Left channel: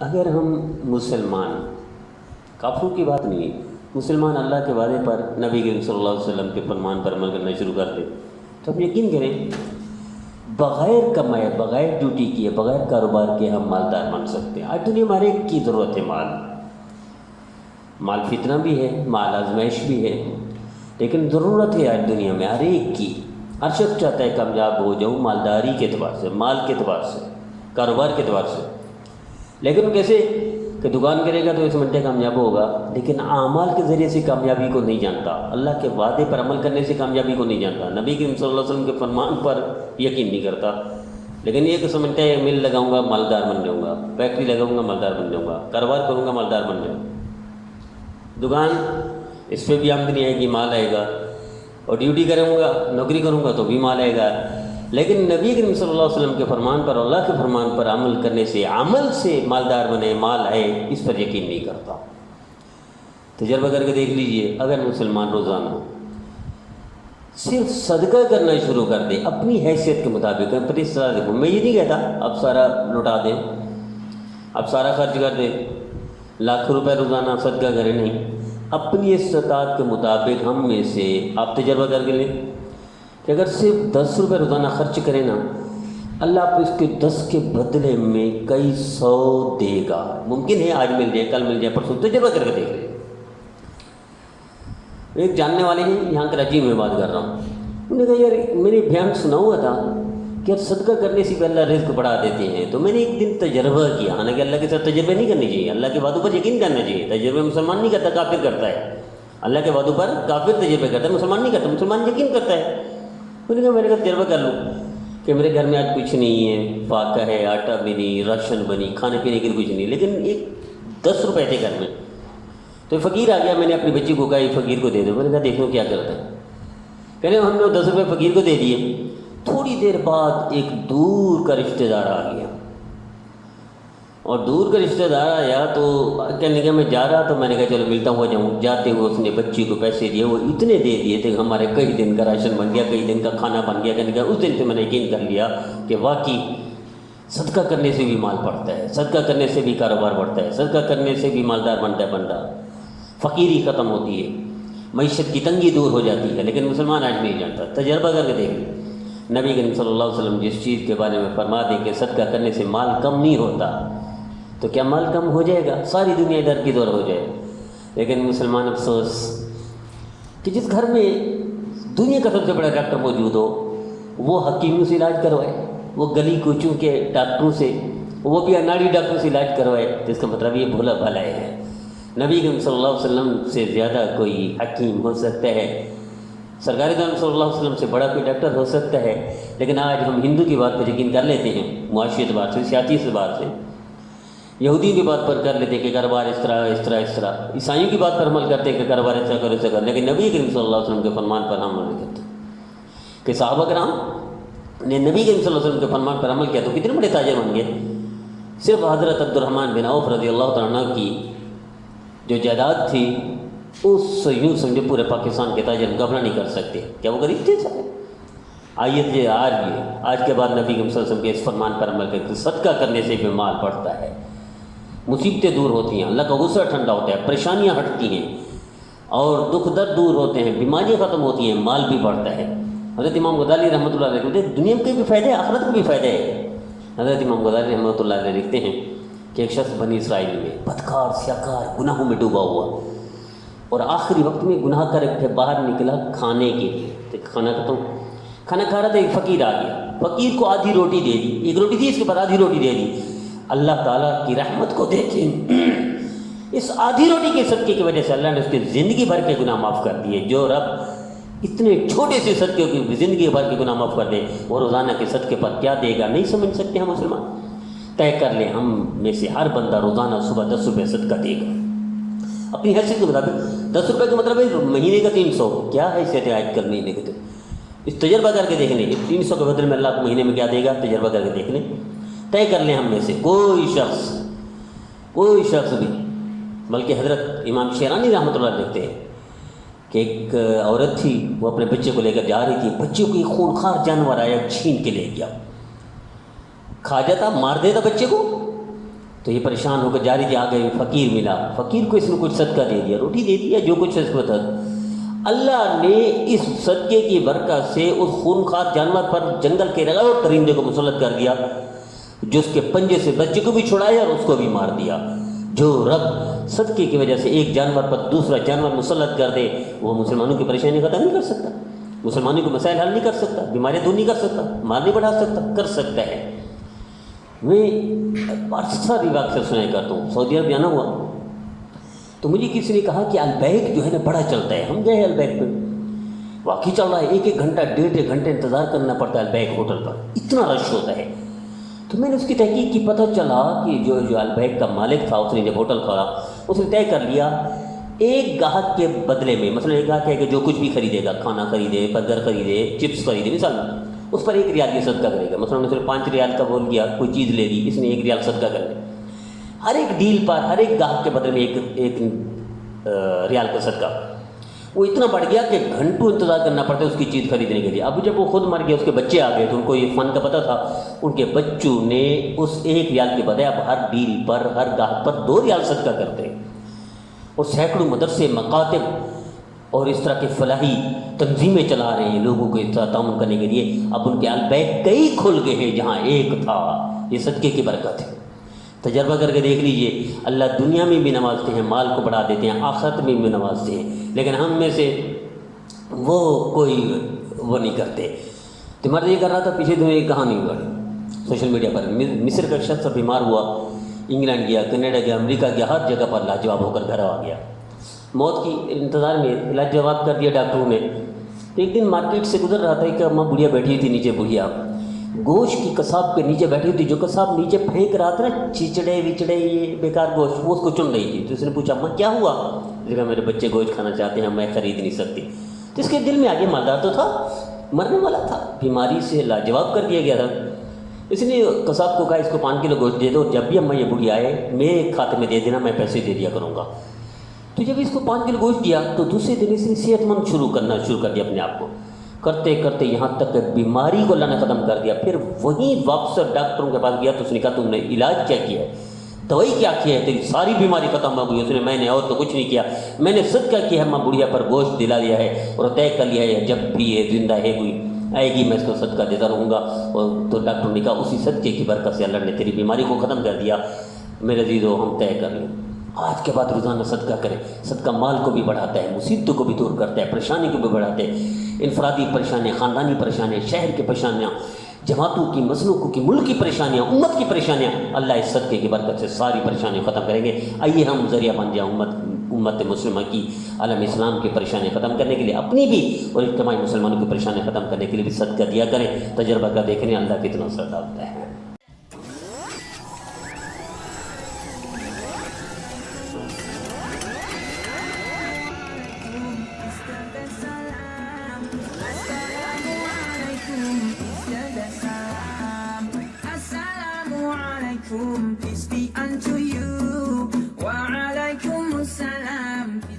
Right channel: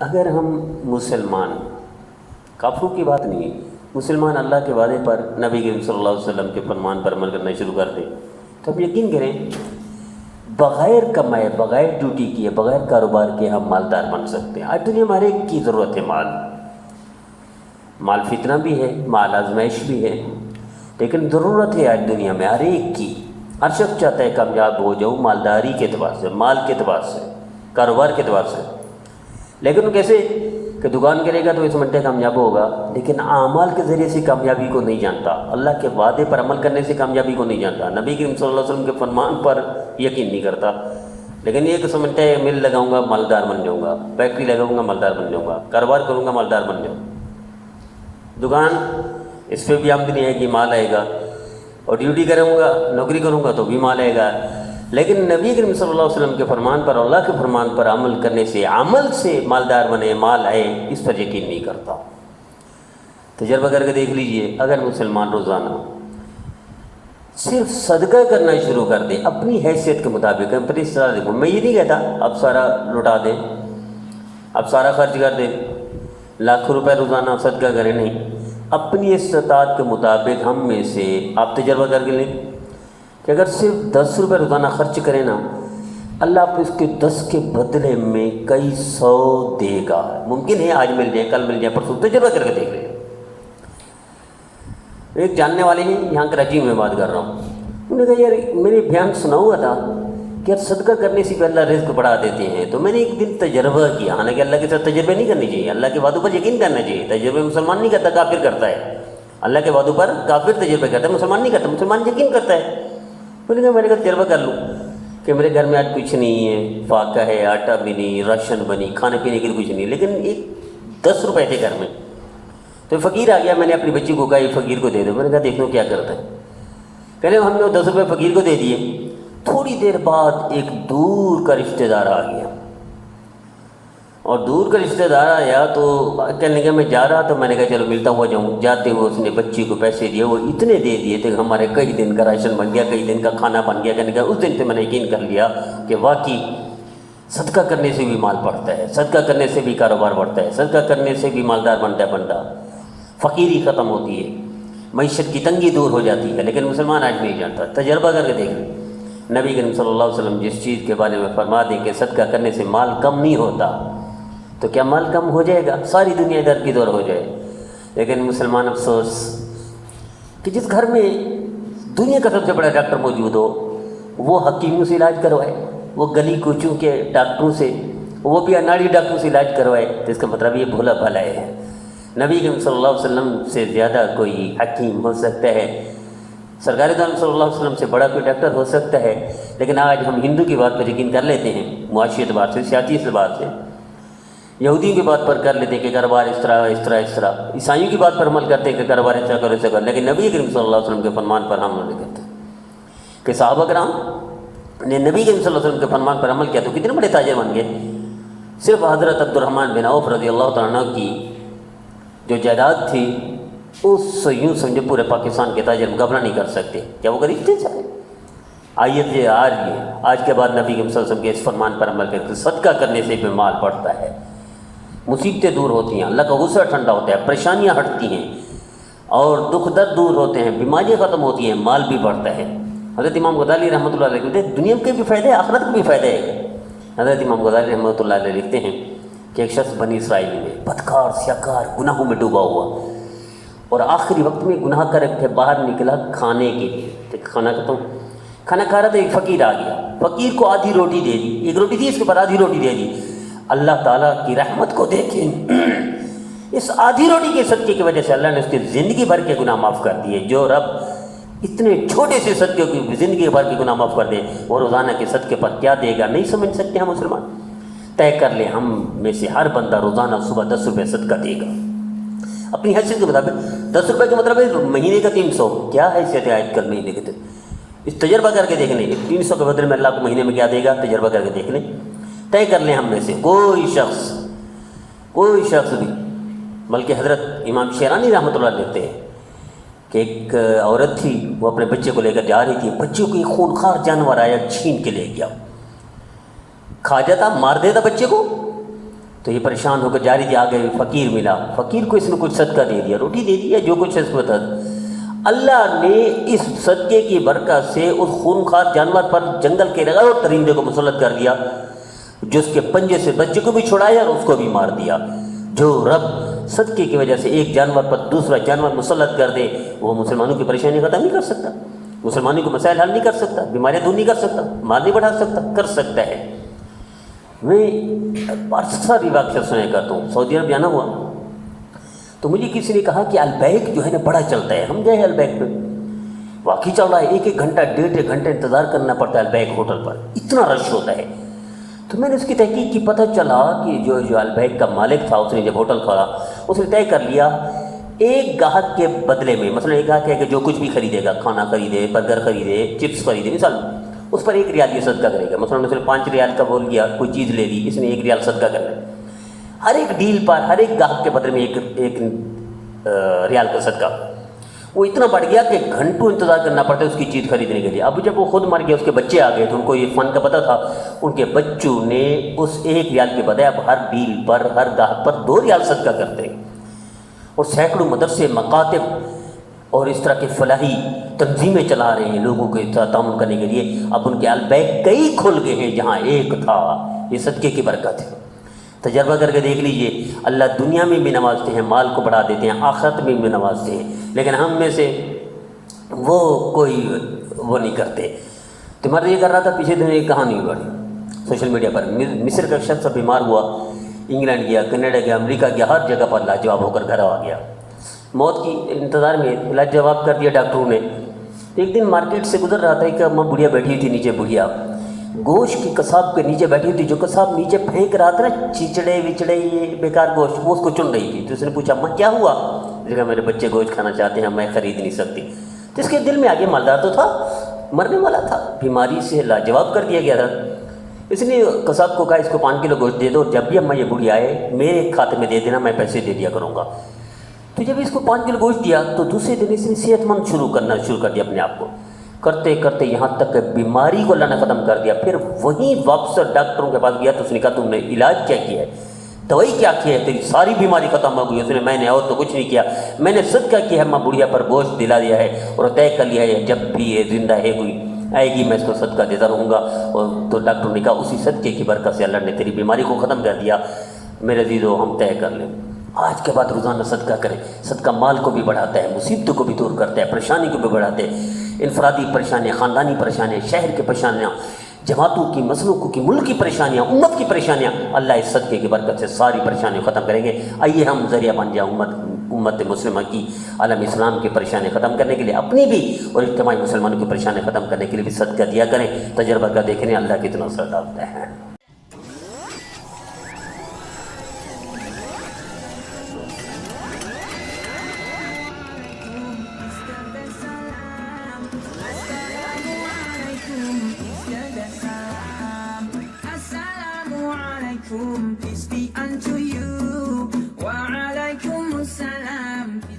اگر ہم مسلمان، کافروں کی بات نہیں، مسلمان اللہ کے وعدے پر، نبی کریم صلی اللہ علیہ وسلم کے فرمان پر عمل کرنا شروع کر دیں تو ہم یقین کریں بغیر کمائے، بغیر ڈیوٹی کیے، بغیر کاروبار کے ہم مالدار بن سکتے ہیں۔ آج دنیا میں ہر ایک کی ضرورت ہے مال فتنہ بھی ہے، مال آزمائش بھی ہے، لیکن ضرورت ہے آج دنیا میں ہر ایک کی۔ ہر شخص چاہتا ہے کامیاب ہو جاؤ مالداری کے اعتبار سے، مال کے اعتبار سے، کاروبار کے اعتبار سے، لیکن کیسے کہ دکان کرے گا تو اس منٹے کامیاب ہوگا، لیکن اعمال کے ذریعے سے کامیابی کو نہیں جانتا، اللہ کے وعدے پر عمل کرنے سے کامیابی کو نہیں جانتا، نبی کریم صلی اللہ علیہ وسلم کے فرمان پر یقین نہیں کرتا، لیکن یہ سمجھتا ہے مل لگاؤں گا مالدار بن جاؤں گا، فیکٹری لگاؤں گا مالدار بن جاؤں گا، کاروبار کروں گا مالدار بن جاؤں گا، دکان اس پہ بھی آمدنی آئے گی، مال آئے گا، اور ڈیوٹی کروں گا، نوکری کروں گا تو بھی مال آئے گا، لیکن نبی کریم صلی اللہ علیہ وسلم کے فرمان پر، اللہ کے فرمان پر عمل کرنے سے، عمل سے مالدار بنے، مال آئے، اس پر یقین نہیں کرتا۔ تجربہ کر کے دیکھ لیجئے، اگر مسلمان روزانہ صرف صدقہ کرنا شروع کر دے اپنی حیثیت کے مطابق، اپنی استطاعت دیکھو، میں یہ نہیں کہتا اب سارا لٹا دیں، اب سارا خرچ کر دیں، لاکھوں روپے روزانہ صدقہ کریں، نہیں، اپنی استطاعت کے مطابق ہم میں سے آپ تجربہ کر کے لیں کہ اگر صرف 10 روپے روزانہ خرچ کریں نا، اللہ آپ اس کے 10 کے بدلے میں کئی 100 دے گا۔ ممکن ہے آج مل جائے، کل مل جائے، پرسوں، تجربہ کر کے دیکھ لیں۔ ایک جاننے والے ہیں، یہاں کراچی میں بات کر رہا ہوں، انہوں نے کہا یار میں نے بیان سنا ہوا تھا کہ یار صدقہ کرنے سے بھی اللہ رزق بڑھا دیتے ہیں، تو میں نے ایک دن تجربہ کیا، حالانکہ اللہ کے ساتھ تجربے نہیں کرنے چاہیے، اللہ کے وعدوں پر یقین کرنا چاہیے، تجربے مسلمان نہیں کرتا، کافر کرتا ہے، اللہ کے وعدوں پر کافر تجربے کرتا ہے، مسلمان نہیں کرتا، مسلمان یقین کرتا ہے۔ انہوں نے کہا میں نے کہا تجربہ کر لوں کہ میرے گھر میں آج کچھ نہیں ہے، فاقہ ہے، آٹا بھی نہیں، راشن بنی، کھانے پینے کے لیے کچھ نہیں، لیکن ایک 10 روپے تھے گھر میں، تو فقیر آ گیا، میں نے اپنی بچی کو کہا یہ فقیر کو دے دو، میں نے کہا دیکھ لو کیا کرتا ہے، کہنے ہم نے 10 روپے فقیر کو دے دیے، تھوڑی دیر بعد ایک دور کا رشتہ دار آ گیا، اور دور کا رشتہ دار آیا تو کہنے لگا میں جا رہا، تو میں نے کہا چلو ملتا ہوا جاؤں، جاتے ہوئے اس نے بچی کو پیسے دیے، وہ اتنے دے دیے تھے کہ ہمارے کئی دن کا راشن بن گیا، کئی دن کا کھانا بن گیا، کہنے کا اس دن سے میں نے یقین کر لیا کہ واقعی صدقہ کرنے سے بھی مال بڑھتا ہے، صدقہ کرنے سے بھی کاروبار بڑھتا ہے، صدقہ کرنے سے بھی مالدار بنتا ہے بندہ، فقیری ختم ہوتی ہے، معیشت کی تنگی دور ہو جاتی ہے، لیکن مسلمان آج نہیں جانتا۔ تجربہ کر کے دیکھ لیں، نبی کریم صلی اللہ علیہ وسلم جس چیز کے بارے میں فرما دیں کہ صدقہ کرنے سے مال کم نہیں ہوتا، تو کیا مال کم ہو جائے گا؟ ساری دنیا ادھر کی دور ہو جائے، لیکن مسلمان افسوس کہ جس گھر میں دنیا کا سب سے بڑا ڈاکٹر موجود ہو، وہ حکیموں سے علاج کروائے، وہ گلی کوچوں کے ڈاکٹروں سے، وہ بھی اناڑی ڈاکٹروں سے علاج کروائے، تو اس کا مطلب یہ بھولا بھالا ہے۔ نبی کریم صلی اللہ علیہ وسلم سے زیادہ کوئی حکیم ہو سکتا ہے، سرکار دو عالم صلی اللہ علیہ وسلم سے بڑا کوئی ڈاکٹر ہو سکتا ہے، لیکن آج ہم ہندو کی بات پر یقین کر لیتے ہیں، معاشی اعتبار سے، سیاسی اعتبار سے، یہودیوں کی بات پر کر لیتے ہیں کہ کاروبار اس طرح اس طرح اس طرح، عیسائیوں کی بات پر عمل کرتے ہیں کہ کاروبار اس طرح کرو ایسا کرو، لیکن نبی کریم صلی اللہ علیہ وسلم کے فرمان پر عمل نہیں کرتے۔ کہ صحابہ کرام نے نبی کریم صلی اللہ علیہ وسلم کے فرمان پر عمل کیا تو کتنے بڑے تاجر بن گئے۔ صرف حضرت عبد الرحمن بن عوف رضی اللہ تعالیٰ عنہ کی جو جائیداد تھی، اس سے یوں سمجھے پورے پاکستان کے تاجر مقابلہ نہیں کر سکتے، کیا وہ غریب تھے سارے؟ آیت یہ آ رہی ہے، آج کے بعد نبی کریم صلی اللہ علیہ وسلم کے اس فرمان پر عمل کرتے، صدقہ کرنے سے بھی مال بڑھتا ہے، مصیبتیں دور ہوتی ہیں، اللہ کا غصہ ٹھنڈا ہوتا ہے، پریشانیاں ہٹتی ہیں، اور دکھ درد دور ہوتے ہیں، بیماریاں ختم ہوتی ہیں، مال بھی بڑھتا ہے۔ حضرت امام غزالی رحمۃ اللہ علیہ لکھتے ہیں دنیا کے بھی فائدے، آخرت کے بھی فائدے ہیں۔ حضرت امام غزالی رحمۃ اللہ علیہ لکھتے ہیں کہ ایک شخص بنی اسرائیل میں بدکار سیاکار گناہوں میں ڈوبا ہوا، اور آخری وقت میں گناہ کر کے باہر نکلا کھانے کے لیے، کھانا کھانا کھا رہا تھا، ایک فقیر آ گیا، فقیر کو آدھی روٹی دے دی، ایک روٹی تھی اس کے بعد آدھی روٹی دے دی۔ اللہ تعالیٰ کی رحمت کو دیکھیں، اس آدھی روٹی کے صدقے کی وجہ سے اللہ نے اس کی زندگی بھر کے گناہ معاف کر دیے۔ جو رب اتنے چھوٹے سے صدقے کی زندگی بھر کے گناہ معاف کر دے، وہ روزانہ کے صدقے پر کیا دے گا نہیں سمجھ سکتے ہم مسلمان۔ طے کر لیں ہم میں سے ہر بندہ روزانہ صبح 10 روپے صدقہ دے گا اپنی حیثیت کے مطابق۔ 10 روپے کا مطلب ہے مہینے کا 300، کیا حیثیت ہے آج کل مہینے کے؟ اس تجربہ کر کے دیکھ لیں، 300 کے بدلے میں اللہ کو مہینے میں کیا دے گا، تجربہ کر کے دیکھ لیں، طے کر لیں ہم میں سے کوئی شخص بھی۔ بلکہ حضرت امام شیرانی رحمۃ اللہ لکھتے ہیں کہ ایک عورت تھی، وہ اپنے بچے کو لے کر جا رہی تھی، بچے کو ایک خونخوار جانور آیا، چھین کے لے گیا، کھا جاتا، مار دیتا بچے کو، تو یہ پریشان ہو کر جا رہی تھی, آگے فقیر ملا, فقیر کو اس نے کچھ صدقہ دے دیا, روٹی دے دیا, جو کچھ ہے اس کو بتا. اللہ نے اس صدقے کی برکت سے اس خونخوار جانور پر جنگل کے رگڑ اور درندے کو مسلط کر دیا, جو اس کے پنجے سے بچے کو بھی چھڑایا اور اس کو بھی مار دیا. جو رب صدقے کی وجہ سے ایک جانور پر دوسرا جانور مسلط کر دے, وہ مسلمانوں کی پریشانی ختم نہیں کر سکتا, مسلمانوں کے مسائل حل نہیں کر سکتا, بیماریاں دور نہیں کر سکتا, مال نہیں بڑھا سکتا, کر سکتا ہے. میں ساری واقعہ سنا کرتا ہوں. سعودی عرب جانا ہوا تو مجھے کسی نے کہا کہ البیک جو ہے نا بڑا چلتا ہے. ہم گئے ہیں البیک پہ, واقعی چل رہا ہے, 1-1 گھنٹہ 1.5 گھنٹے انتظار کرنا پڑتا ہے البیک ہوٹل پر, اتنا رش ہوتا ہے. تو میں نے اس کی تحقیق کی, پتہ چلا کہ جو البیک کا مالک تھا, اس نے جب ہوٹل کھولا اس نے طے کر لیا ایک گاہک کے بدلے میں, مثلا ایک گاہک ہے کہ جو کچھ بھی خریدے گا, کھانا خریدے, برگر خریدے, چپس خریدے, مثال اس پر 1 ریال یہ صدقہ کرے گا. مثلا نے صرف 5 ریال کا بول گیا, کوئی چیز لے لی, اس نے 1 ریال صدقہ کر لیا. ہر ایک ڈیل پر ہر ایک گاہک کے بدلے میں 1 ریال کا صدقہ. وہ اتنا بڑھ گیا کہ گھنٹوں انتظار کرنا پڑتا ہے اس کی چیز خریدنے کے لیے. اب جب وہ خود مر گیا, اس کے بچے آ گئے, تو ان کو یہ فن کا پتہ تھا. ان کے بچوں نے اس 1 ریال کے بجائے اب ہر ڈیل پر, ہر گاہک پر 2 ریال صدقہ کرتے, اور سینکڑوں مدرسے, مکاتب اور اس طرح کے فلاحی تنظیمیں چلا رہے ہیں لوگوں کے ساتھ تعاون کرنے کے لیے. اب ان کے البیک کئی کھل گئے ہیں جہاں ایک تھا. یہ صدقے کی برکت ہے. تجربہ کر کے دیکھ لیجئے, اللہ دنیا میں بھی نوازتے ہیں, مال کو بڑھا دیتے ہیں, آخرت میں بھی نوازتے ہیں, لیکن ہم میں سے وہ کوئی وہ نہیں کرتے. تو میں یہ کر رہا تھا, پیچھے دن ایک کہانی ہوئی سوشل میڈیا پر. مصر کا شخص بیمار ہوا, انگلینڈ گیا, کینیڈا گیا, امریکہ گیا, ہر جگہ پر لاجواب ہو کر گھر آ گیا. موت کی انتظار میں لاجواب کر دیا ڈاکٹروں نے. ایک دن مارکیٹ سے گزر رہا تھا, ایک اماں بڑھیا بیٹھی ہوئی تھی نیچے, بڑھیا گوشت کی کساب کے نیچے بیٹھی ہوئی تھی. جو کساب نیچے پھینک رہا تھا نا, چچڑے وچڑے یہ بیکار گوشت, وہ اس کو چن رہی تھی. تو اس نے پوچھا, اماں کیا ہوا؟ اس نے کہا میرے بچے گوشت کھانا چاہتے ہیں, میں خرید نہیں سکتی. تو اس کے دل میں آگے مالدار تو تھا, مرنے والا تھا, بیماری سے لاجواب کر دیا گیا تھا. اس نے کساب کو کہا اس کو 5 کلو گوشت دے دو, جب بھی اماں یہ بوڑھی آئے میرے کھاتے میں دے دینا, میں پیسے دے دیا کروں گا. تو جب اس کو 5 کلو گوشت دیا تو دوسرے دن اس نے صحت مند شروع کر دیا اپنے آپ کو. کرتے کرتے یہاں تک کہ بیماری کو اللہ نے ختم کر دیا. پھر وہیں واپس ڈاکٹروں کے پاس گیا تو اس نے کہا تم نے علاج کیا کیا ہے, دوائی کیا کی ہے, تیری ساری بیماری ختم ہو گئی. اس نے, میں نے اور تو کچھ نہیں کیا, میں نے صدقہ کیا ہے, ماں بڑھیا پر گوشت دلا دیا ہے اور طے کر لیا ہے جب بھی یہ زندہ ہے کوئی آئے گی میں اس کو صدقہ دیتا رہوں گا. اور تو ڈاکٹر نے کہا اسی صدقے کی برکت سے اللہ نے تیری بیماری کو ختم کر دیا. میرے عزیزو, ہم طے کر لیں, آج کے بعد روزانہ صدقہ کریں. صدقہ مال کو بھی بڑھاتا ہے, مصیبتوں کو بھی دور کرتا ہے, پریشانی کو بھی بڑھاتے ہیں. انفرادی پریشانیاں, خاندانی پریشانیاں, شہر کی پریشانیاں, جماعتوں کی, مسلکوں کی, ملک کی پریشانیاں, امت کی پریشانیاں, اللہ اس صدقے کی برکت سے ساری پریشانیاں ختم کریں گے. آئیے ہم ذریعہ بن جائیں امت مسلمہ کی, عالم اسلام کی پریشانیاں ختم کرنے کے لیے, اپنی بھی اور اجتماعی مسلمانوں کی پریشانیاں ختم کرنے کے لیے بھی صدقہ دیا کریں. تجربہ کر دیکھیں اللہ کتنا اثر ڈالتا ہے. Peace be unto you. Wa alaikum assalam.